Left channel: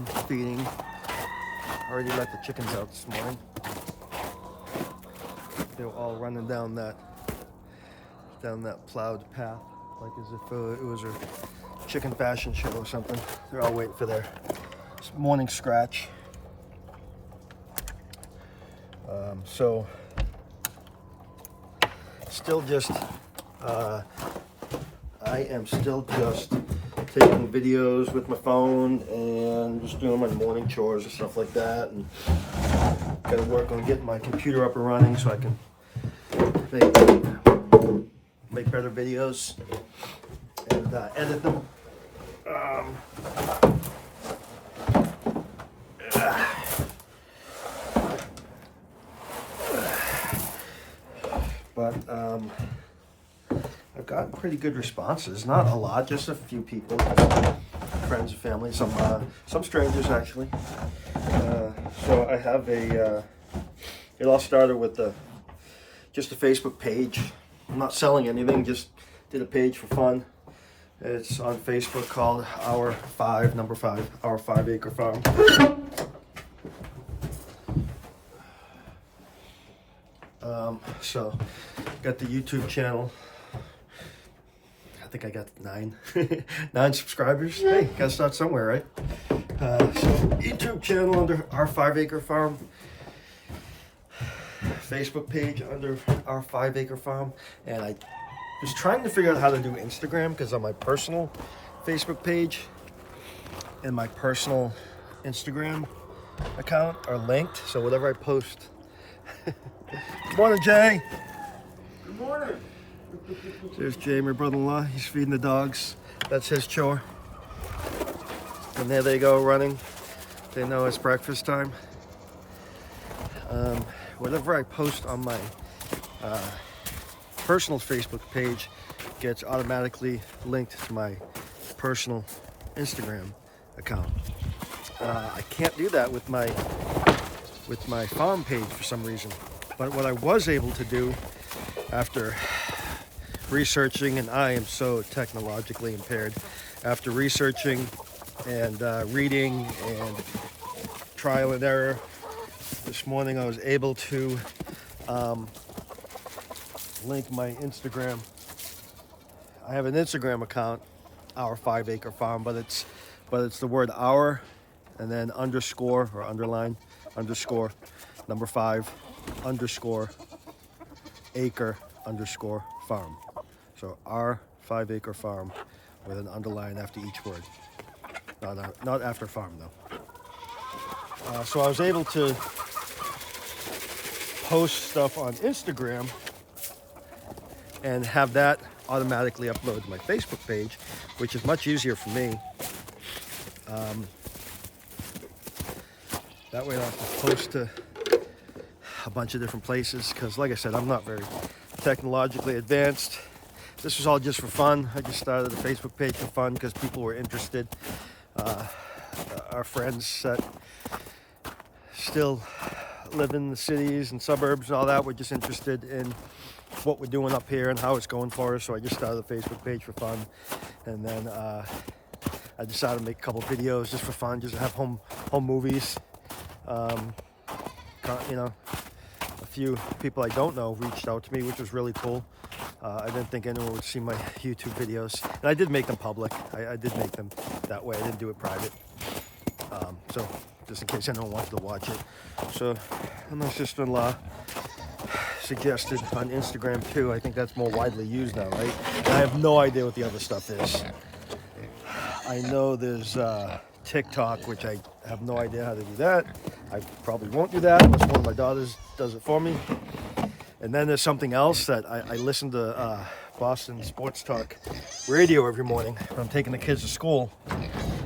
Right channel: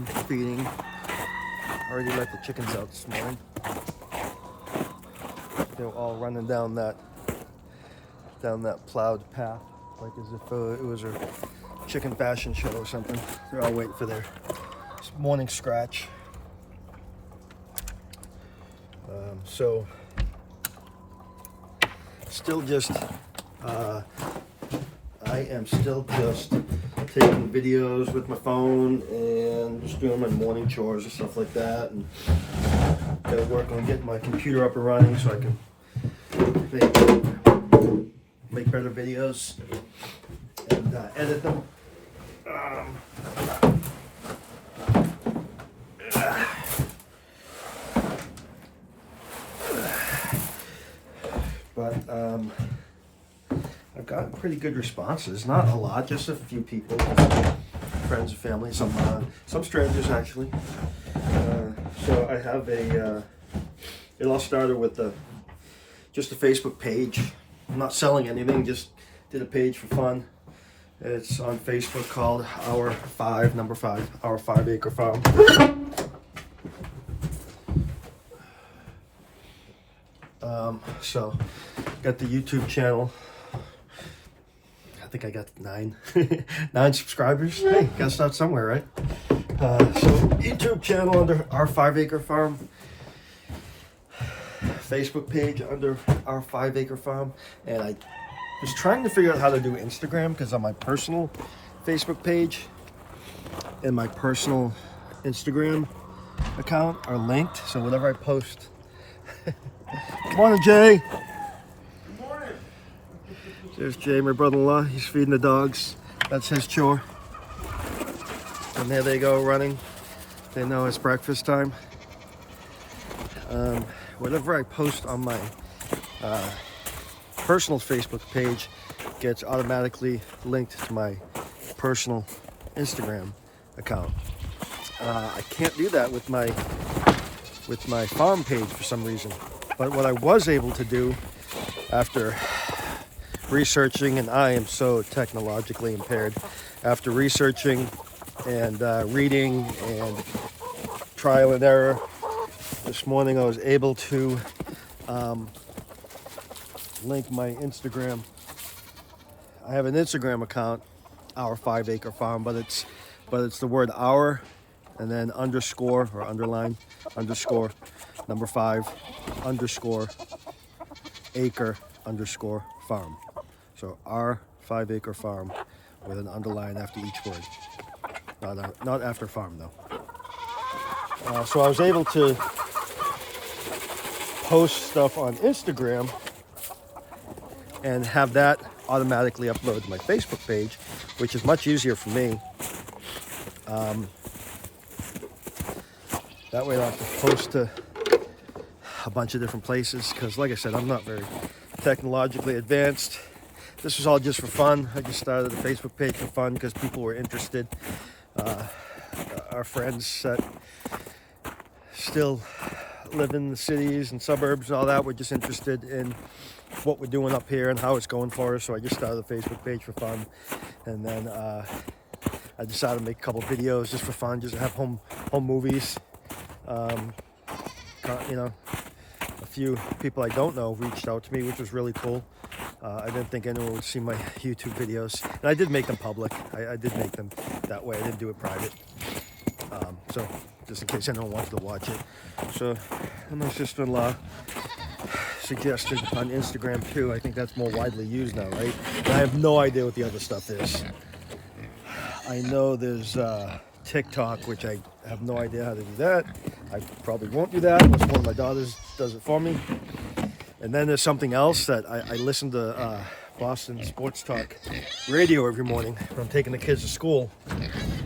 morning feeding. Already let the chickens out this morning. They were all running down that plowed path, like as if it was a chicken fashion show or something. They're all waiting for their morning scratch. So still just I am still just taking videos with my phone and just doing my morning chores and stuff like that, and gotta work on getting my computer up and running so I can make better videos and edit them. But I've gotten pretty good responses. Not a lot, just a few people, friends and family, some strangers actually. So I have it all started with just a Facebook page. I'm not selling anything, just did a page for fun. It's on Facebook called Our 5 Acre Farm. So got the YouTube channel. I think I got 9 subscribers. Hey, gotta start somewhere, right? So YouTube channel under Our 5 Acre Farm. Facebook page under Our 5 Acre Farm. And I was trying to figure out how to do Instagram, because on my personal Facebook page and my personal Instagram account are linked. So whatever I post. Good morning, Jay. Good morning. There's Jay, my brother-in-law. He's feeding the dogs. That's his chore. And there they go running. They know it's breakfast time. Whatever I post on my personal Facebook page gets automatically linked to my personal Instagram account. I can't do that with my farm page for some reason. But what I was able to do after researching, and I am so technologically impaired, after researching and reading and trial and error, this morning I was able to link my Instagram. I have an Instagram account, Our 5 Acre Farm, but it's the word our and then underscore or underline underscore number 5 underscore acre underscore farm. So Our 5 Acre Farm with an underline after each word. Not after farm though. So I was able to post stuff on Instagram and have that automatically upload to my Facebook page, which is much easier for me. That way I don't have to post to a bunch of different places, because like I said, I'm not very technologically advanced. This was all just for fun. I just started a Facebook page for fun because people were interested. Our friends that still live in the cities and suburbs and all that were just interested in what we're doing up here and how it's going for us. So I just started a Facebook page for fun, and then I decided to make a couple videos just for fun, just to have home movies. You know, a few people I don't know reached out to me, which was really cool. I didn't think anyone would see my YouTube videos, and I did make them public. I did make them that way. I didn't do it private. So just in case anyone wanted to watch it. So my sister-in-law suggested on Instagram too. I think that's more widely used now, right? And I have no idea what the other stuff is. I know there's TikTok, which I have no idea how to do that. I probably won't do that unless one of my daughters does it for me. And then there's something else that I listen to Boston Sports Talk radio every morning when I'm taking the kids to school.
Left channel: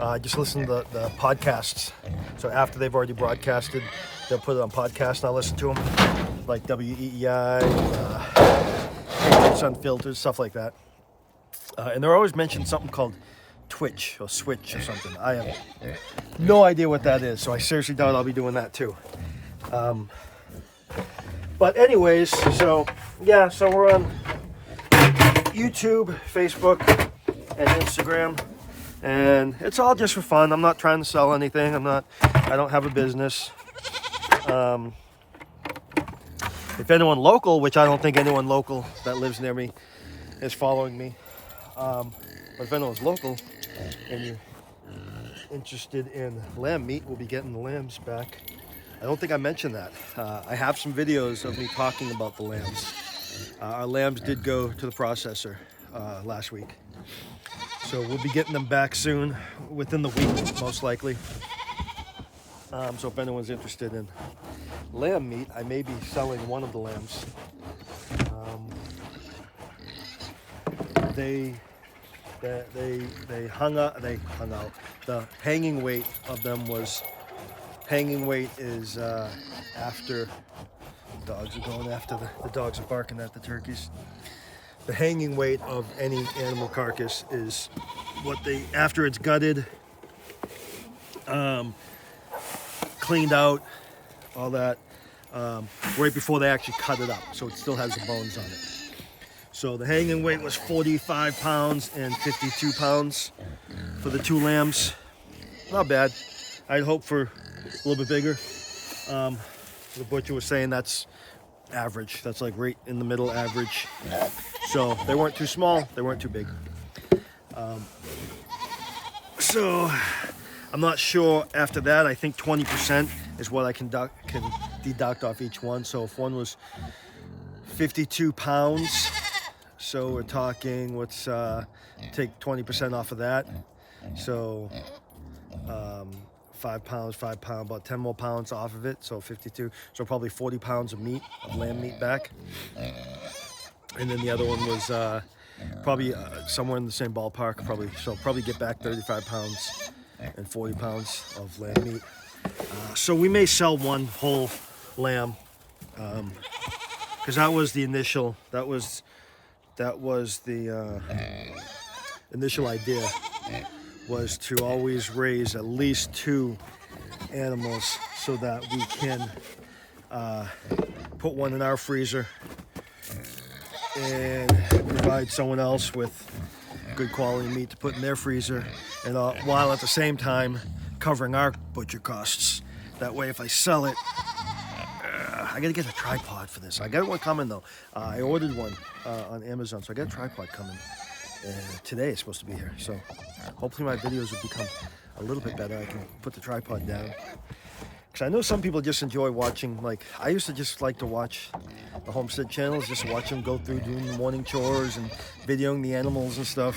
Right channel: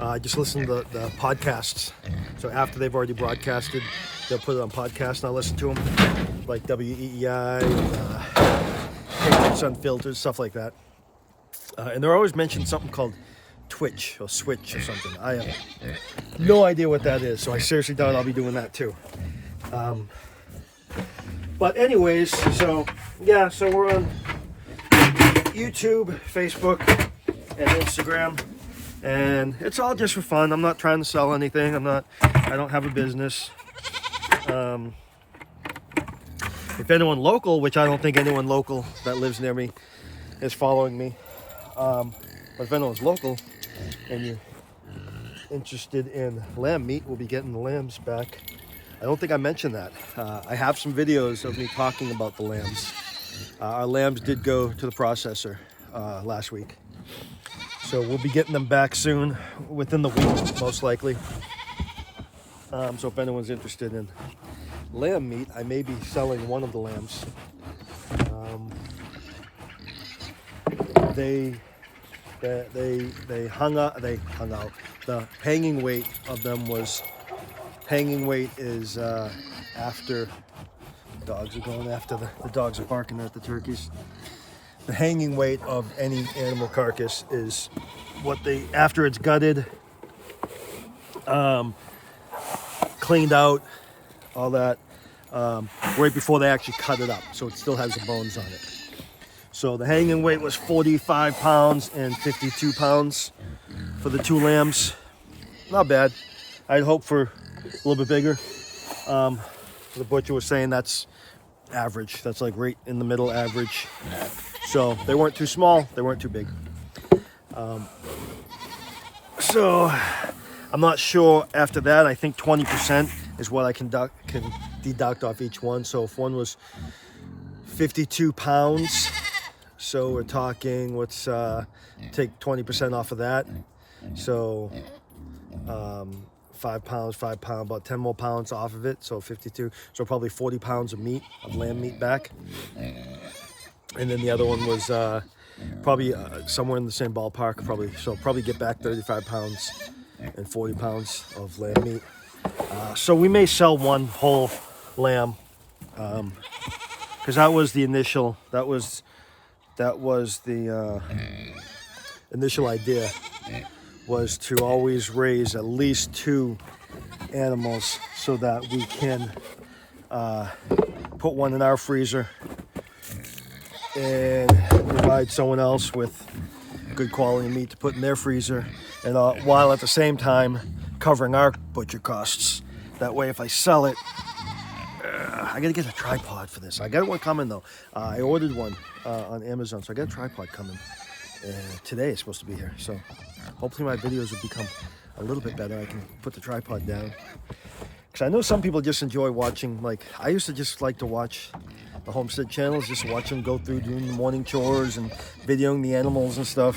I just listen to the podcasts. So after they've already broadcasted, they'll put it on podcast and I'll listen to them. Like WEEI and Patriots Unfiltered, stuff like that. And they're always mentioning something called Twitch or Switch or something. I have no idea what that is, so I seriously doubt I'll be doing that too. But anyways, so yeah, so we're on YouTube, Facebook, and Instagram. and it's all just for fun. I'm not trying to sell anything. I don't have a business. If anyone local, which I don't think anyone local that lives near me is following me, but if anyone's local and you're interested in lamb meat, we'll be getting the lambs back. I don't think I mentioned that. I have some videos of me talking about the lambs. Our lambs did go to the processor last week. So we'll be getting them back soon, within the week, most likely. So if anyone's interested in lamb meat, I may be selling one of the lambs. They hung out. The hanging weight of them was, hanging weight is after, dogs are going after the dogs are barking at the turkeys. The hanging weight of any animal carcass is what they, after it's gutted, cleaned out, all that, right before they actually cut it up, so it still has the bones on it. So the hanging weight was 45 pounds and 52 pounds for the two lambs. Not bad. I'd hope for a little bit bigger. The butcher was saying that's average. That's like right in the middle, average. So they weren't too small, they weren't too big. So I'm not sure after that. I think 20% is what I can deduct off each one. So if one was 52 pounds, so we're talking, let's take 20% off of that. So 5 pounds, about 10 more pounds off of it. So 52, so probably 40 pounds of meat, of lamb meat back. And then the other one was probably somewhere in the same ballpark, probably get back 35 pounds and 40 pounds of lamb meat. So we may sell one whole lamb, because that was the initial, that was the initial idea, was to always raise at least 2 animals so that we can put one in our freezer and provide someone else with good quality meat to put in their freezer, and while at the same time covering our butcher costs. That way, if I sell it, I gotta get a tripod for this. I got one coming though. I ordered one on Amazon, so I got a tripod coming. Today it's supposed to be here, so hopefully my videos will become a little bit better. I can put the tripod down, because I know some people just enjoy watching, like I used to just like to watch the homestead channels, just watch them go through doing the morning chores and videoing the animals and stuff.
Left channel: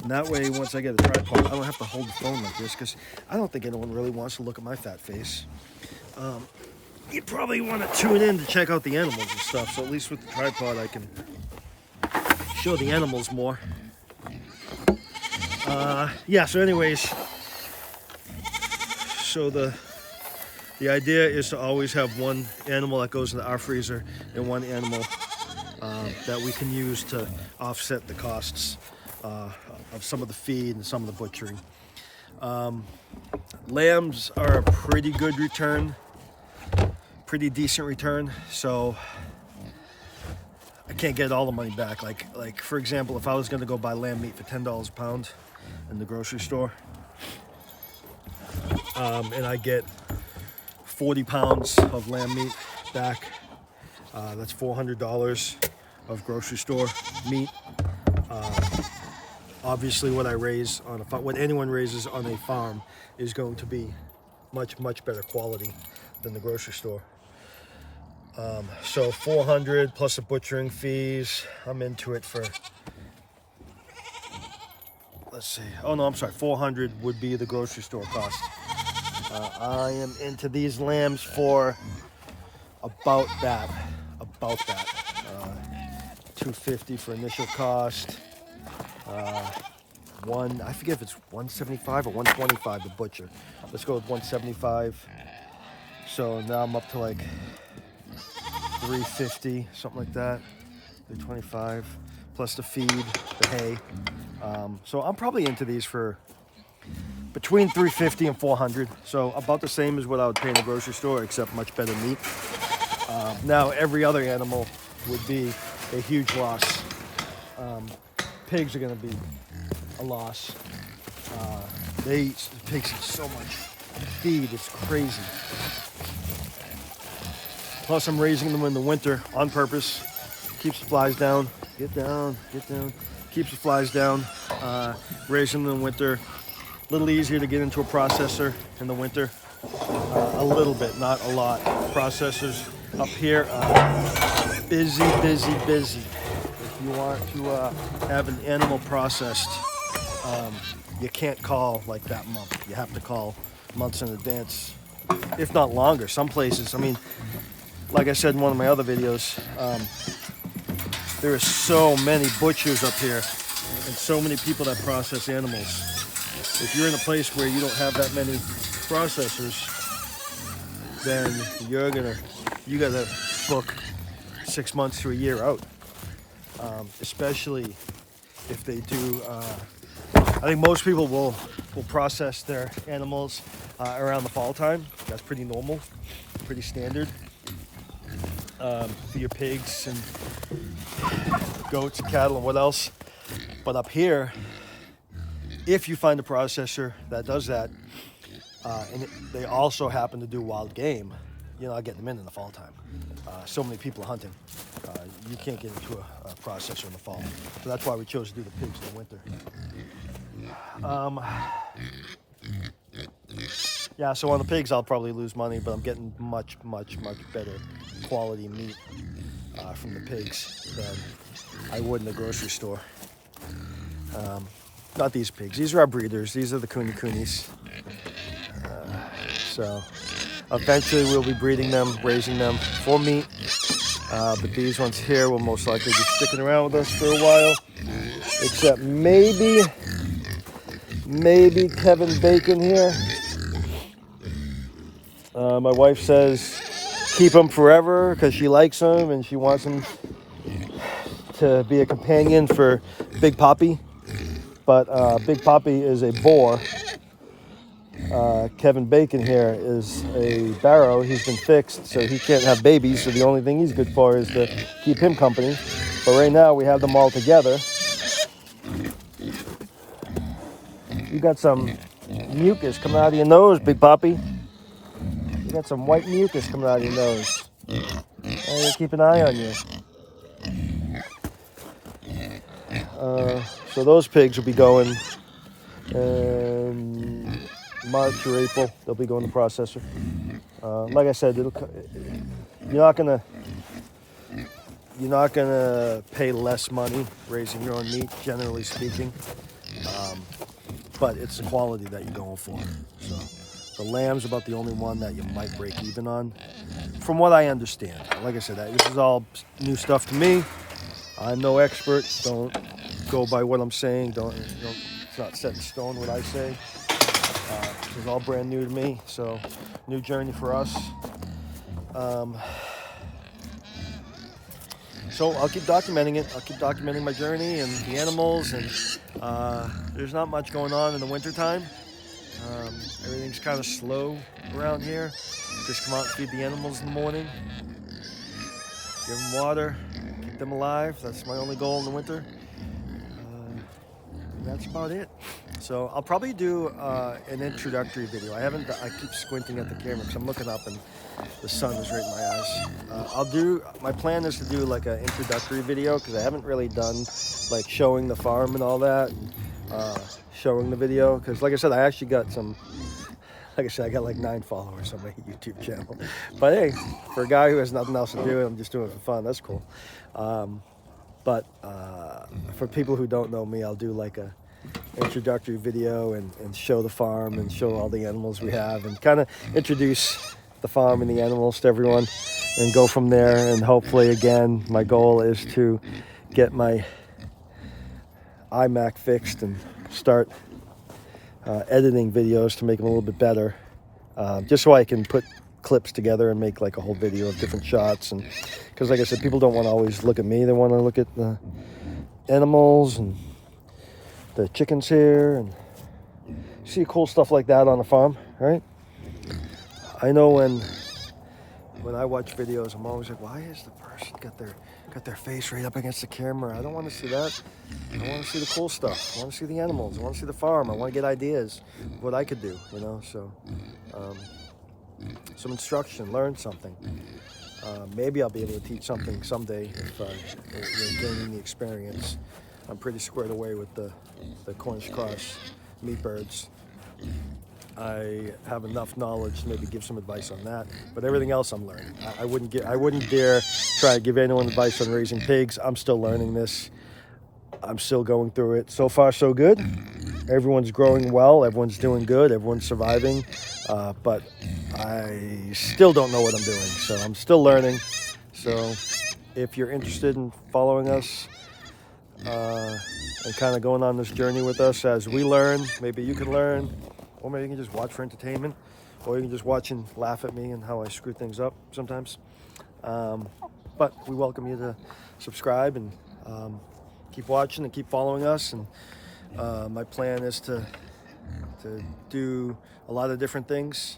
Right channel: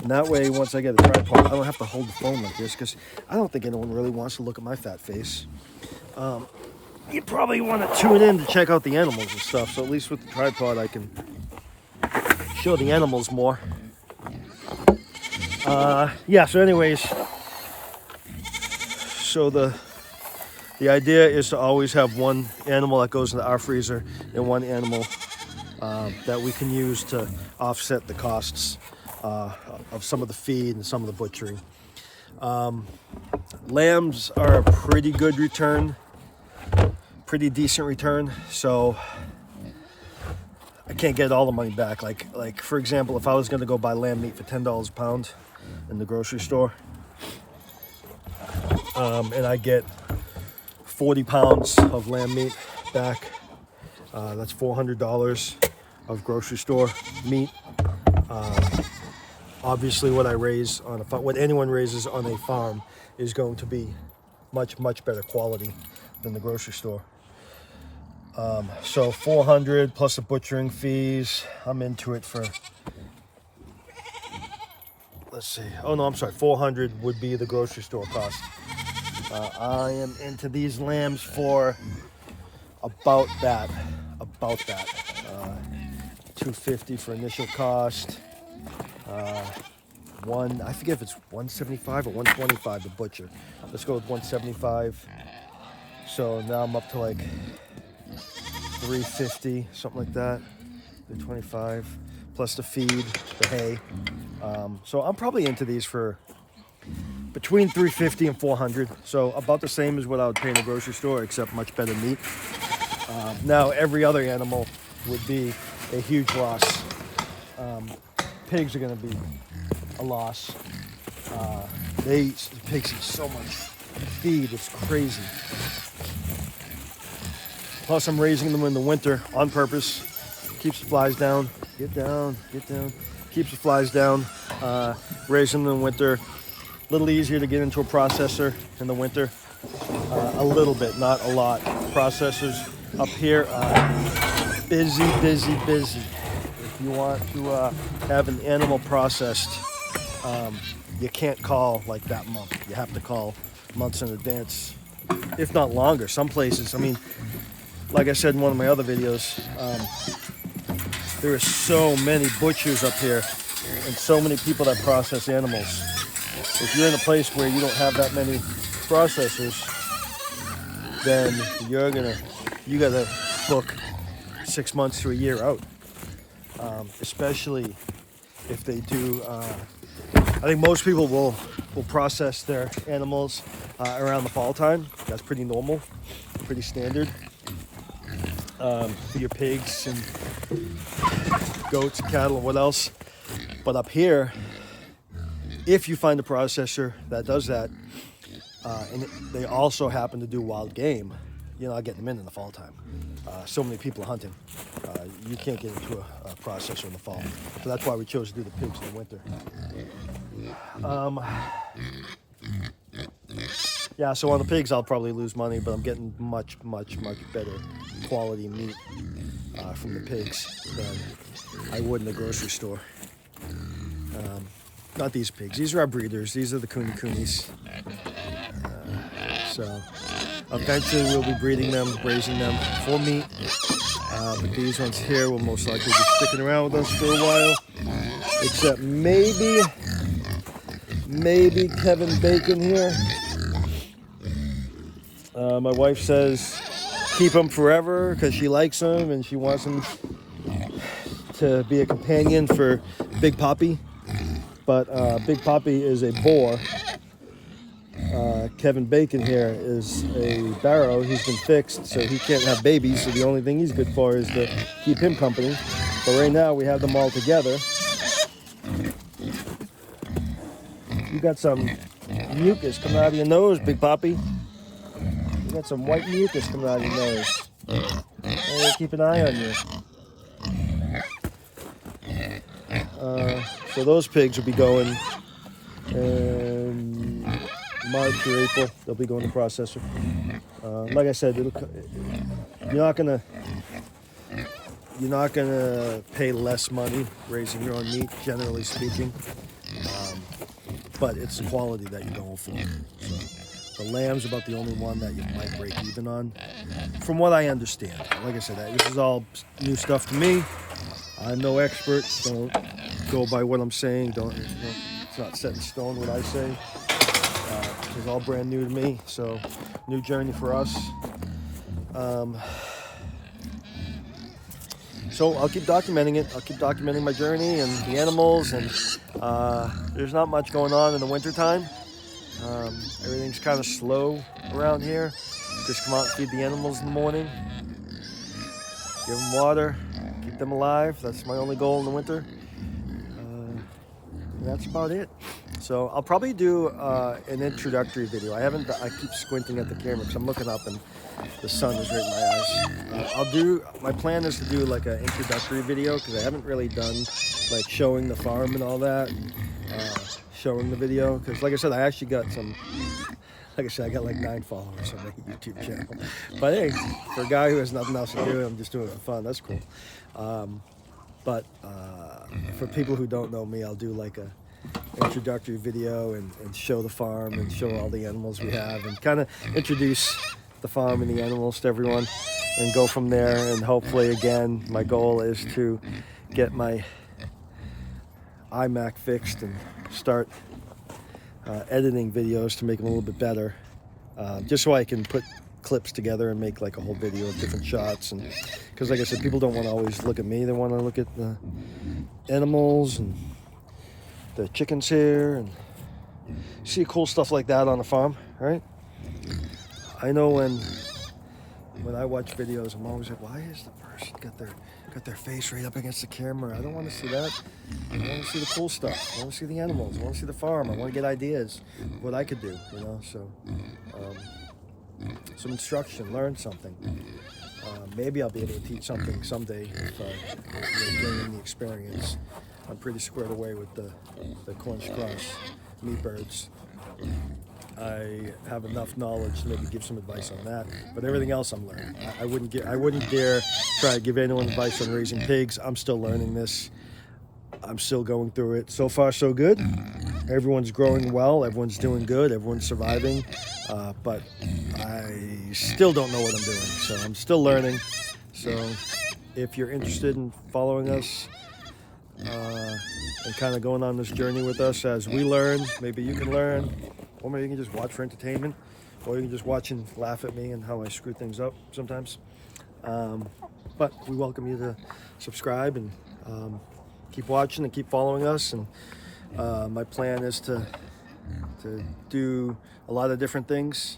And that way, once I get a tripod, I don't have to hold the phone like this, because I don't think anyone really wants to look at my fat face. You probably want to tune in to check out the animals and stuff, so at least with the tripod I can show the animals more. Yeah, so anyways, so the idea is to always have one animal that goes into our freezer and one animal that we can use to offset the costs of some of the feed and some of the butchering. Lambs are a pretty good return, pretty decent return, so I can't get all the money back. Like for example, if I was going to go buy lamb meat for $10 a pound in the grocery store, and I get 40 pounds of lamb meat back, that's $400 of grocery store meat. Obviously what I raise on a what anyone raises on a farm is going to be much better quality than the grocery store. So 400 plus the butchering fees, I'm into it for, let's see, oh no, I'm sorry, 400 would be the grocery store cost. I am into these lambs for about that, 250 for initial cost. I forget if it's 175 or 125 to butcher. Let's go with 175. So now I'm up to like 350, something like that. 325 plus the feed, the hay. So I'm probably into these for between 350 and 400. So about the same as what I would pay in the grocery store, except much better meat. Now every other animal would be a huge loss. Pigs are going to be a loss. The pigs eat so much feed, it's crazy. Plus I'm raising them in the winter on purpose. Keeps the flies down. Get down, get down. Keeps the flies down. Raising them in the winter. A little easier to get into a processor in the winter. A little bit, not a lot. Processors up here, busy. If you want to have an animal processed, you can't call like that month. You have to call months in advance, if not longer. Some places, I mean, like I said in one of my other videos, there are so many butchers up here and so many people that process animals. If you're in a place where you don't have that many processors, then you gotta book 6 months to a year out. Especially if they do. I think most people will process their animals around the fall time. That's pretty normal, pretty standard for your pigs and goats, cattle, and what else. But up here, if you find a processor that does that, and they also happen to do wild game, you're not getting them in the fall time. So many people are hunting. You can't get into a processor in the fall. So that's why we chose to do the pigs in the winter. Yeah, so on the pigs, I'll probably lose money, but I'm getting much better quality meat from the pigs than I would in the grocery store. Not these pigs. These are our breeders. These are the coonies. So eventually we'll be breeding them, raising them for meat. But these ones here will most likely be sticking around with us for a while. Except maybe Kevin Bacon here. My wife says keep him forever because she likes him and she wants him to be a companion for Big Poppy. But Big Poppy is a boar. Kevin Bacon here is a barrow. He's been fixed, so he can't have babies. So the only thing he's good for is to keep him company. But right now we have them all together. You got some mucus coming out of your nose, Big Poppy. You got some white mucus coming out of your nose. I gotta keep an eye on you. So those pigs will be going March or April. They'll be going to processor. Like I said, you're not gonna pay less money raising your own meat, generally speaking. But it's the quality that you're going for. So the lamb's about the only one that you might break even on, from what I understand. Like I said, this is all new stuff to me. I'm no expert. Don't go by what I'm saying. It's not set in stone what I say. It's all brand new to me, so new journey for us. So I'll keep documenting it. I'll keep documenting my journey and the animals, and there's not much going on in the wintertime. Everything's kind of slow around here. Just come out and feed the animals in the morning, give them water, keep them alive. That's my only goal in the winter. That's about it. So I'll probably do an introductory video. I keep squinting at the camera because I'm looking up and the sun is right in my eyes. My plan is to do like an introductory video because I haven't really done like showing the farm and all that, showing the video. Because like I said, I actually got I got like 9 followers on my YouTube channel. But hey, for a guy who has nothing else to do, I'm just doing it for fun. That's cool. But for people who don't know me, I'll do like a introductory video and show the farm and show all the animals we have and kind of introduce the farm and the animals to everyone and go from there. And hopefully, again, my goal is to get my iMac fixed and start editing videos to make them a little bit better, just so I can put clips together and make like a whole video of different shots. And because like I said, people don't want to always look at me, they want to look at the animals and the chickens here and see cool stuff like that on the farm, right? I know when when I watch videos, I'm always like, why is the person got their face right up against the camera? I don't want to see that. I want to see the cool stuff. I want to see the animals. I want to see the farm. I want to get ideas of what I could do, you know. So some instruction, learn something. Maybe I'll be able to teach something someday if you're gaining the experience. I'm pretty squared away with the Cornish cross meat birds. I have enough knowledge to maybe give some advice on that, but everything else I'm learning. I wouldn't dare try to give anyone advice on raising pigs. I'm still learning this. I'm still going through it. So far, so good. Everyone's growing well. Everyone's doing good. Everyone's surviving. But I still don't know what I'm doing. So I'm still learning. So if you're interested in following us and kind of going on this journey with us as we learn, maybe you can learn. Or maybe you can just watch for entertainment, or you can just watch and laugh at me and how I screw things up sometimes. But we welcome you to subscribe and keep watching and keep following us. And my plan is to do a lot of different things,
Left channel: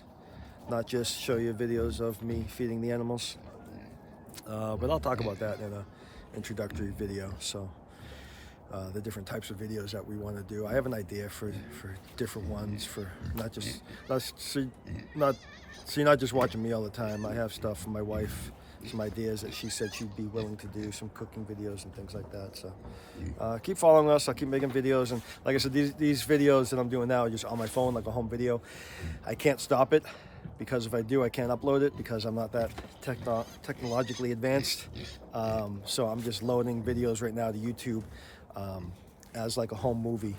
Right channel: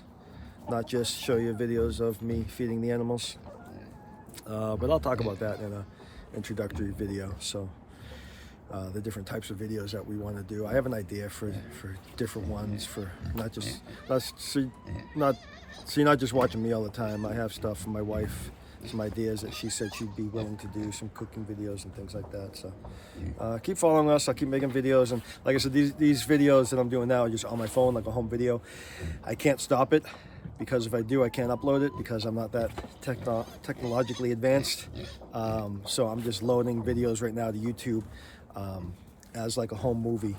not just show you videos of me feeding the animals. But I'll talk about that in an introductory video. So. The different types of videos that we want to do. I have an idea for different ones, for so you're not just watching me all the time. I have stuff from my wife, some ideas that she said she'd be willing to do, some cooking videos and things like that. So keep following us. I'll keep making videos, and like I said, these videos that I'm doing now are just on my phone, like a home video. I can't stop it, because if I do, I can't upload it because I'm not that technologically advanced. So I'm just loading videos right now to YouTube as like a home movie,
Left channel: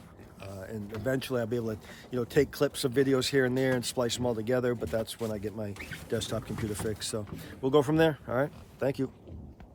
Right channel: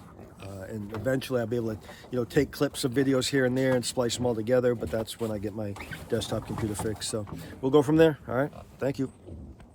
and eventually I'll be able to take clips of videos here and there and splice them all together, but that's when I get my desktop computer fixed. So we'll go from there. All right, thank you.